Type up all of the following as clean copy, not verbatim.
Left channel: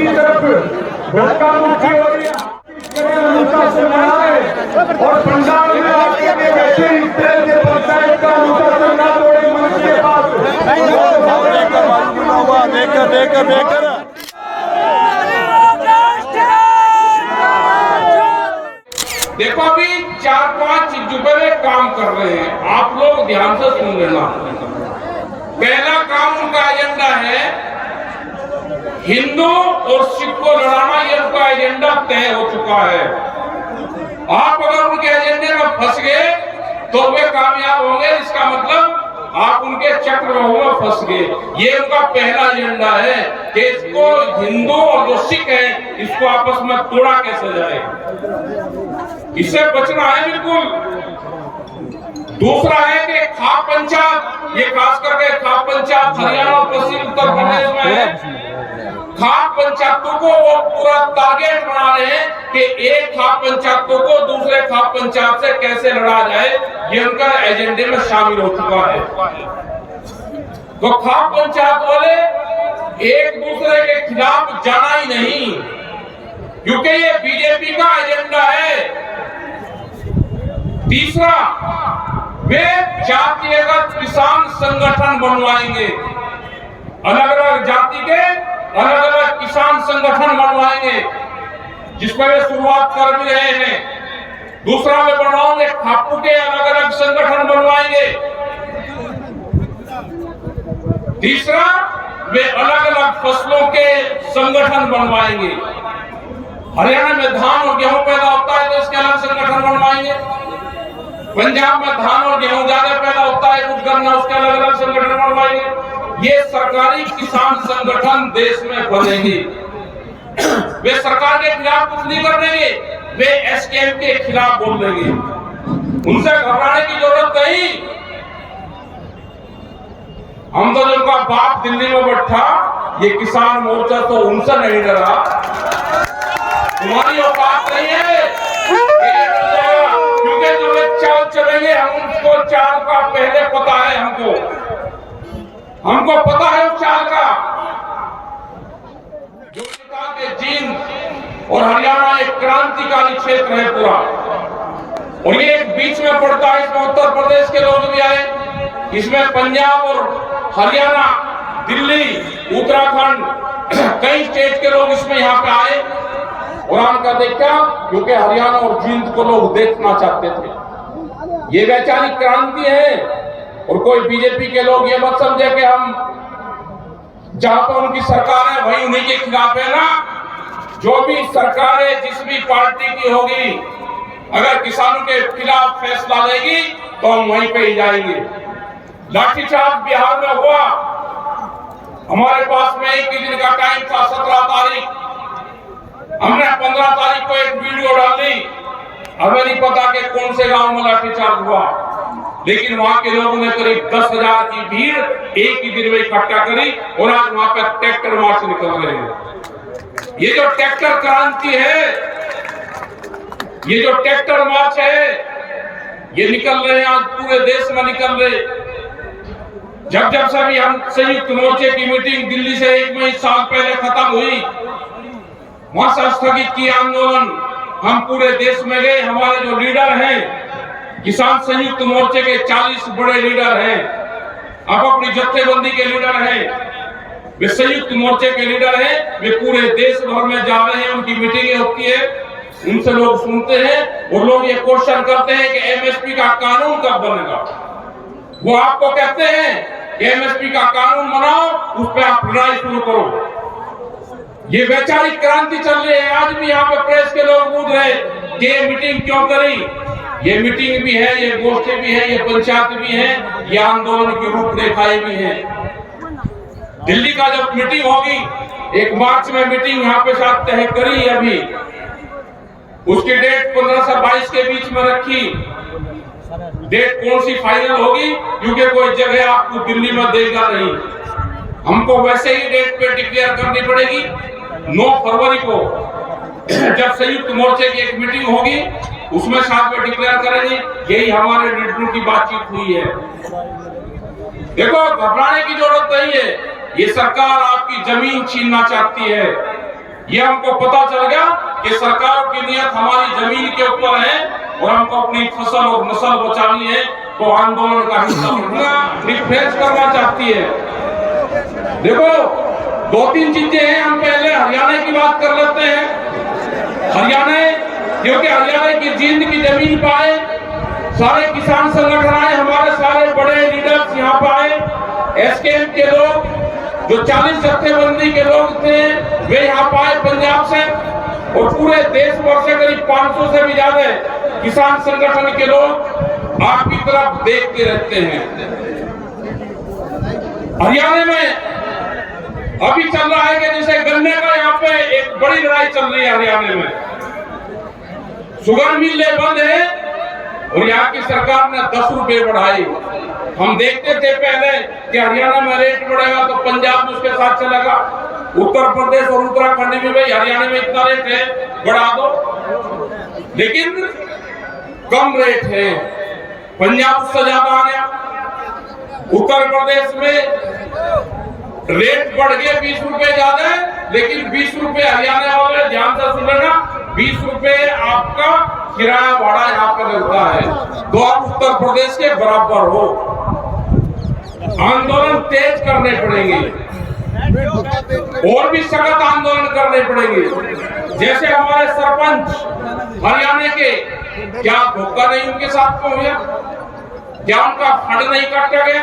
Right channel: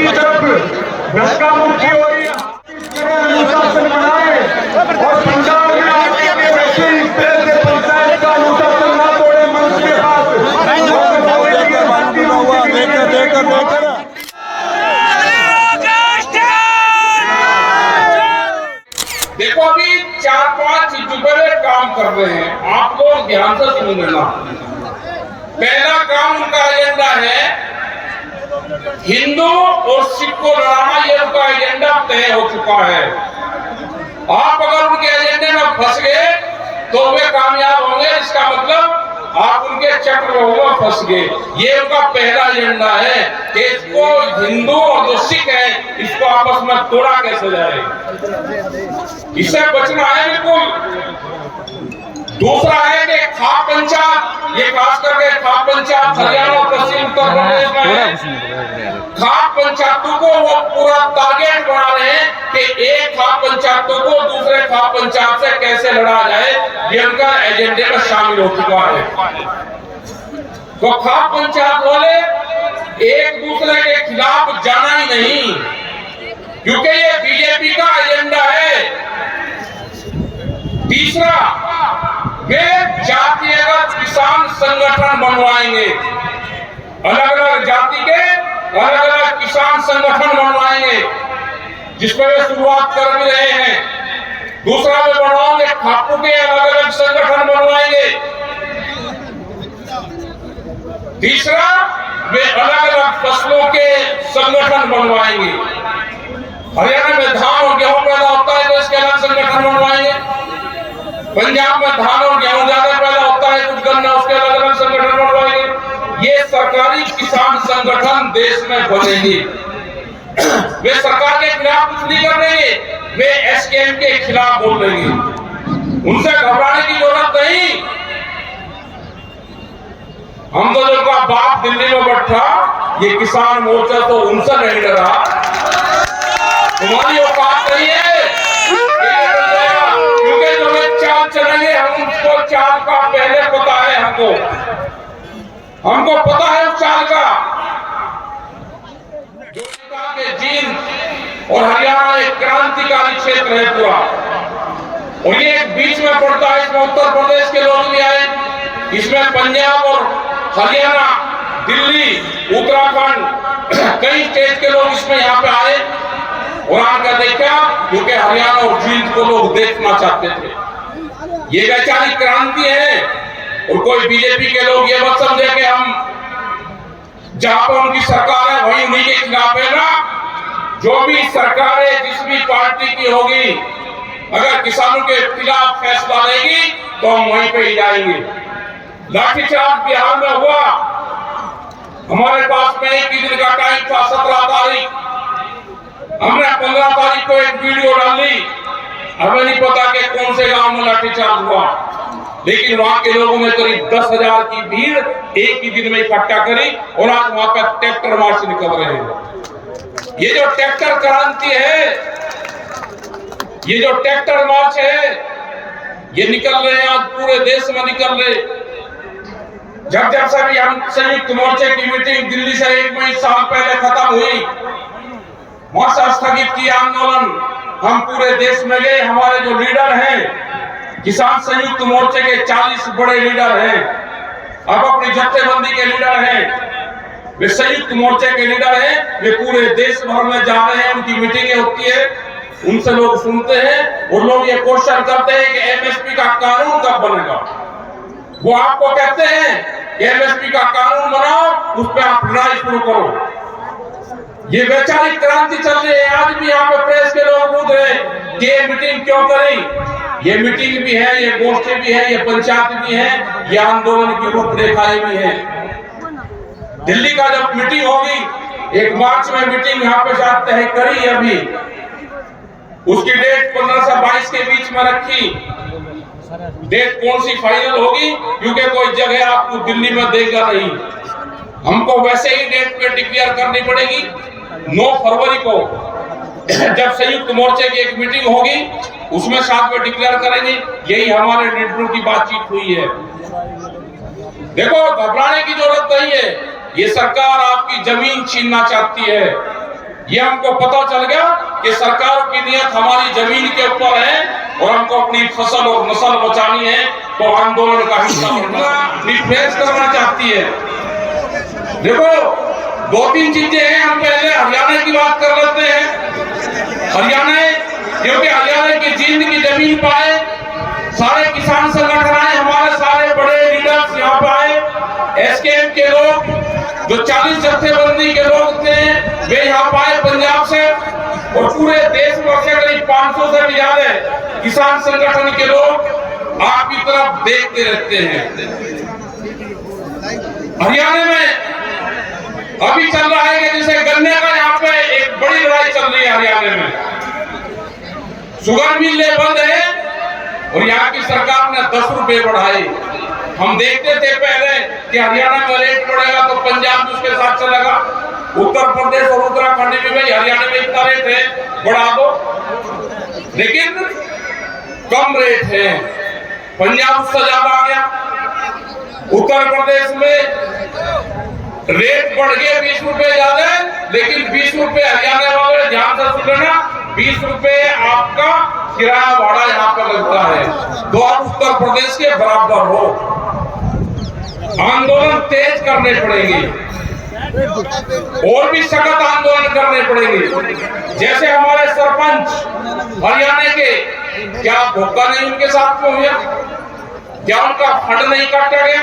की तरफ धक्का मुक्की हो रही है और पंजाब देखो अभी 4-5 जुबले काम कर रहे हैं, आप लोग ध्यान से सुन लेना। पहला काम उनका एजेंडा है हिंदू और सिख को लड़ाना, ये उनका एजेंडा तय हो चुका है। आप अगर उनके एजेंडे में फंस गए तो वे कामयाब होंगे, इसका मतलब आप उनके चक्रव्यूह में फंस गए। ये उनका पहला एजेंडा है कि इसको हिंदू और जो सिख है इसको आपस में तोड़ा कैसे जाए, इससे बचना है बिल्कुल। दूसरा है कि खाप पंचायत, ये खास करके खाप पंचायत हरियाणा और पश्चिम उत्तर प्रदेश में है। खाप पंचायतों को वो पूरा टारगेट बना रहे हैं कि एक खाप पंचायतों को दूसरे खाप पंचायत से कैसे लड़ा जाए, ये उनका एजेंडे में शामिल हो चुका है। तो खाप पंचायत वाले एक दूसरे के खिलाफ जाना ही नहीं, क्योंकि ये बीजेपी का एजेंडा है। तीसरा, वे जातिगत किसान संगठन बनवाएंगे, अलग अलग जाति के अलग अलग किसान संगठन बनवाएंगे, जिसमें वे शुरुआत कर भी रहे हैं। दूसरा वे बनवाएंगे खापू के अलग अलग संगठन बनवाएंगे। तीसरा, वे अलग अलग फसलों के संगठन बनवाएंगे। हरियाणा में धान और गेहूं पैदा होता है तो इसके अलग संगठन बनवाएंगे। पंजाब में धान और गेहूं ज्यादा पैदा होता है, कुछ गन्ना, उसके अलग अलग संगठन बनवाएंगे। ये सरकारी किसान संगठन देश में बनेंगे। वे सरकार के खिलाफ कुछ नहीं करेंगे, वे एसकेएम के खिलाफ बोल देंगे। उनसे घबराने की जरूरत नहीं। हम तो जिनका बाप दिल्ली में बैठा, ये किसान मोर्चा तो उनसे नहीं डरा। तुम्हारी औकात नहीं है, क्योंकि जो वे चाल चलेंगे हम उसको चाल का पहले पता है। हमको पता है उस चाल का। जो कि जींद और हरियाणा एक क्रांतिकारी क्षेत्र है पूरा, और ये एक बीच में पड़ता है। इसमें उत्तर प्रदेश के लोग भी आए, इसमें पंजाब और हरियाणा, दिल्ली, उत्तराखंड, कई स्टेट के लोग इसमें यहाँ पे आए। और आकर देखा, क्योंकि हरियाणा और जींद को लोग देखना चाहते थे। ये वैचारिक क्रांति है। और कोई बीजेपी के लोग ये मत समझे कि हम जहां पर उनकी सरकार है वही उन्हीं के खिलाफ है ना। जो भी सरकार है, जिस भी पार्टी की होगी, अगर किसानों के खिलाफ फैसला लेगी तो हम वहीं पे ही जाएंगे। लाठीचार्ज बिहार में हुआ, हमारे पास में एक ही दिन का टाइम था, 17 तारीख। हमने 15 तारीख को एक वीडियो डाली। हमें नहीं पता कि कौन से गांव में लाठीचार्ज हुआ, लेकिन वहां के लोगों ने करीब 10,000 की भीड़ एक ही दिन में इकट्ठा करी और आज वहां पर ट्रैक्टर मार्च निकल रहे हैं। ये जो ट्रैक्टर क्रांति है, ये जो ट्रैक्टर मार्च है, ये निकल रहे हैं आज पूरे देश में निकल रहे। जब सभी हम संयुक्त मोर्चे की मीटिंग दिल्ली से 1 साल पहले खत्म हुई, वहां से स्थगित किया आंदोलन। हम पूरे देश में गए। हमारे जो लीडर हैं, किसान संयुक्त मोर्चे के 40 बड़े लीडर हैं, अब अपनी जत्थेबंदी के लीडर हैं, वे संयुक्त मोर्चे के लीडर हैं। वे पूरे देश भर में जा रहे हैं, उनकी मीटिंगें होती है, उनसे लोग सुनते हैं और लोग ये क्वेश्चन करते हैं कि एमएसपी का कानून कब बनेगा। वो आपको कहते हैं कि एमएसपी का कानून बनाओ, उस पर आप लड़ाई शुरू करो। ये वैचारिक क्रांति चल रही है। आज भी यहाँ पे प्रेस के लोग पूछ रहे कि ये मीटिंग क्यों करी। ये मीटिंग भी है, ये गोष्ठी भी है, ये पंचायत भी है, ये आंदोलन की रूपरेखाएं भी है। दिल्ली का जब मीटिंग होगी, 1 मार्च में मीटिंग यहाँ पे साथ तय करी अभी, उसकी डेट 15 से 22 के बीच में रखी। डेट कौन सी फाइनल होगी, क्योंकि कोई जगह आपको दिल्ली में देगा नहीं। हमको वैसे ही डेट पे डिक्लेयर करनी पड़ेगी। 9 फरवरी को जब संयुक्त मोर्चे की एक मीटिंग होगी, उसमें साथ में डिक्लेयर करेंगे। यही हमारे लीडरों की बातचीत हुई है। देखो, घबराने की जरूरत नहीं है। ये सरकार आपकी जमीन छीनना चाहती है। ये हमको पता चल गया कि सरकारों की नियत हमारी जमीन के ऊपर है और हमको अपनी फसल और नस्ल बचानी है, तो आंदोलन का हिस्सा रिफ्रेश करना चाहती है। देखो, 2-3 चीजें हैं। हम पहले हरियाणा की बात कर लेते हैं। हरियाणा, क्योंकि हरियाणा की जींद की जमीन पाए, सारे किसान संगठन आए, हमारे सारे बड़े लीडर्स यहाँ पे आए, एसकेएम के लोग, जो 40 जत्थेबंदी के लोग थे, वे यहाँ पाए पंजाब से, और पूरे देश भर से करीब 500 से भी ज्यादा किसान संगठन के लोग आपकी तरफ देखते रहते हैं। हरियाणा में अभी चल रहा है कि जैसे गन्ने का यहाँ पे एक बड़ी लड़ाई चल रही है हरियाणा में। शुगर मिलें बंद है और यहाँ की सरकार ने 10 रुपए बढ़ाए। हम देखते थे पहले कि हरियाणा में रेट बढ़ेगा तो पंजाब में उसके साथ चलेगा, उत्तर प्रदेश और उत्तराखंड में भाई हरियाणा में इतना रेट है, बढ़ा दो। लेकिन कम रेट है, पंजाब उससे ज्यादा आ गया। उत्तर प्रदेश में रेट बढ़ गए 20 रुपए ज्यादा, लेकिन 20 रुपए हरियाणा वाले ध्यान से सुन लेना, 20 रुपए आपका किराया भाड़ा यहाँ पे लगता है, तो आप उत्तर प्रदेश के बराबर हो। आंदोलन तेज करने पड़ेंगे और भी सख्त आंदोलन करने पड़ेंगे। जैसे हमारे सरपंच हरियाणा के, क्या धोखा नहीं उनके साथ में हुआ? क्या उनका फंड नहीं काटा गया?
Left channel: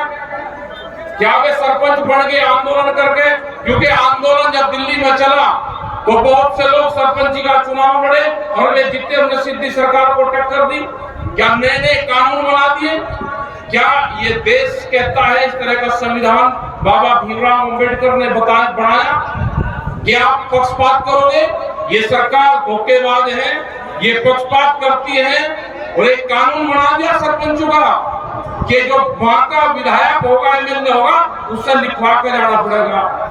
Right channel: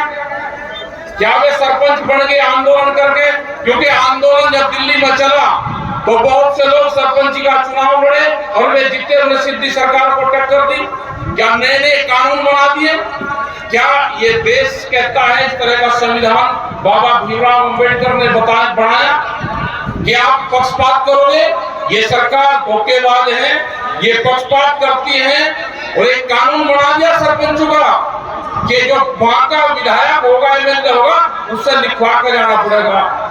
क्या वे सरपंच बन गए आंदोलन करके? क्योंकि आंदोलन जब दिल्ली में चला तो बहुत से लोग सरपंची का चुनाव लड़े और वे जीते, उन्हें सिद्धि सरकार को टक्कर दी। क्या नए नए कानून बना दिए? क्या ये देश कहता है इस तरह का संविधान बाबा भीमराव अंबेडकर ने बनाया कि आप पक्षपात करोगे? ये सरकार धोखेबाज है, ये पक्षपात करती है, और एक कानून बना दिया सरपंचों का कि जो वहां का विधायक होगा, एमएलए होगा, उससे लिखवा कर जाना पड़ेगा।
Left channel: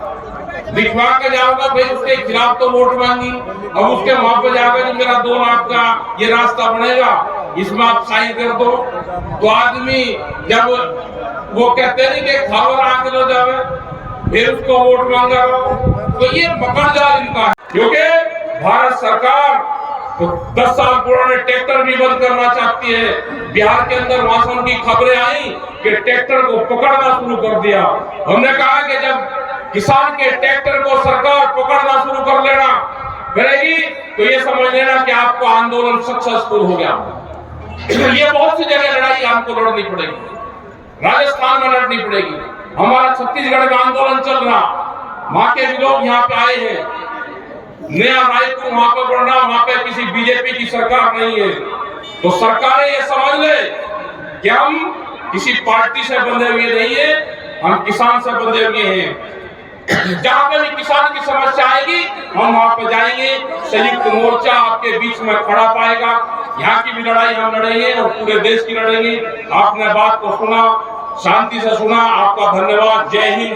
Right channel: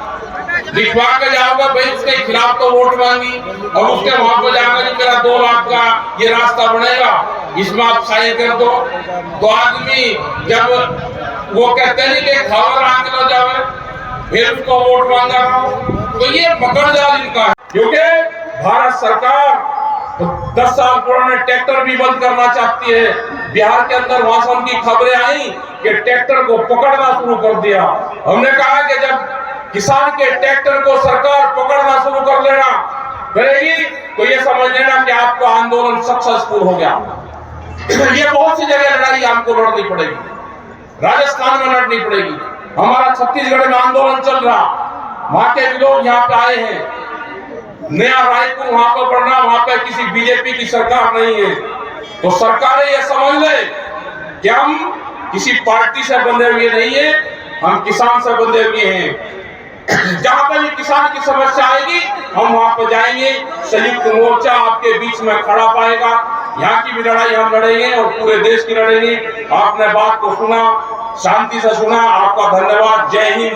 लिखवा के जाओगे भाई, उसके खिलाफ तो वोट मांगी, और उसके वहां पर जाकर मेरा 2 लाख का ये रास्ता बनेगा, इसमें आप साइन कर दो। तो आदमी जब वो कहते हैं कि खबर आंक लो जावे, फिर उसको वोट मांगा, तो ये मकर जाल इनका है। क्योंकि भारत सरकार 10 साल पुराने ट्रैक्टर भी बंद करना चाहती है। बिहार के अंदर मौसम की खबरें आई कि ट्रैक्टर को पकड़ना शुरू कर दिया। हमने कहा कि जब किसान के ट्रैक्टर को सरकार पकड़ना शुरू कर लेना करेगी, तो ये समझ लेना कि आपको आंदोलन सक्सेसफुल हो गया। ये बहुत सी जगह लड़ाई हमको लड़नी पड़ेगी, राजस्थान में लड़नी पड़ेगी। हमारा छत्तीसगढ़ में आंदोलन चल रहा, वहां के भी लोग यहाँ पे आए हैं। नया रायपुर वहां पर बढ़ना, वहां पे किसी बीजेपी की सरकार नहीं है, तो सरकारें ये समझ ले कि हम किसी पार्टी से बंधे हुए नहीं है, हम किसान से बंधे हुए हैं। जहां पे भी किसान की समस्या आएगी, हम वहां पर जाएंगे, संयुक्त मोर्चा आपके बीच में खड़ा पाएगा। यहाँ की भी लड़ाई हम लड़ेंगे और पूरे देश की लड़ेंगे। आपने बात को सुना, शांति से सुना, आपका धन्यवाद। जय हिंद।